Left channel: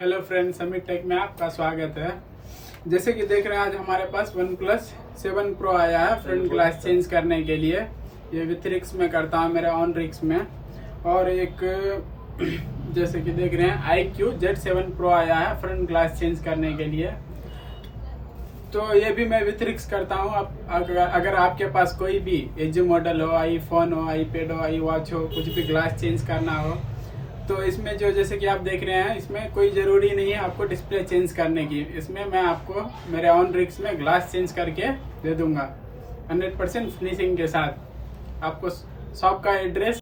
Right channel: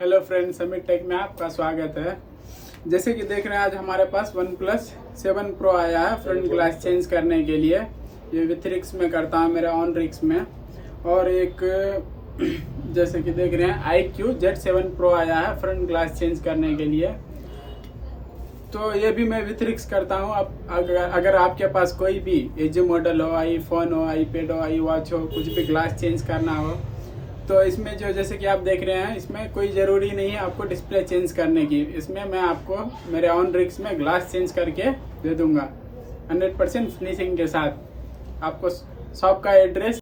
Hello friends, summit take में आपका स्वागत है। जैसे कि देख रहे हैं, आज हमारे पास OnePlus 7 Pro आया है फ्रंट ग्लास चेंज करने के लिए। ये विथ रिक्स में करता हूँ, मेरा ऑन रिक्स में। और एक जैसे कि देख रहे हैं iQOO Z7 Pro आया है फ्रंट ग्लास चेंज करने के लिए। तो ये भी मैं विथ रिक्स करता हूँ। अब अगर आपके पास कोई भी एजी मॉडल हो, iPhone हो, iPad हो, iWatch हो, कुछ भी ग्लास चेंज करना हो, तो इसमें जो जैसे कि आप देख रहे हैं, इसमें कोई ज़रूरी नहीं है आपको डिस्प्ले चेंज करने की। इसमें मैं आपको मेरे ऑन रिक्स में ग्लास चेंज करके दे दूंगा 100% फिनिशिंग के साथ। आपको शॉप का एड्रेस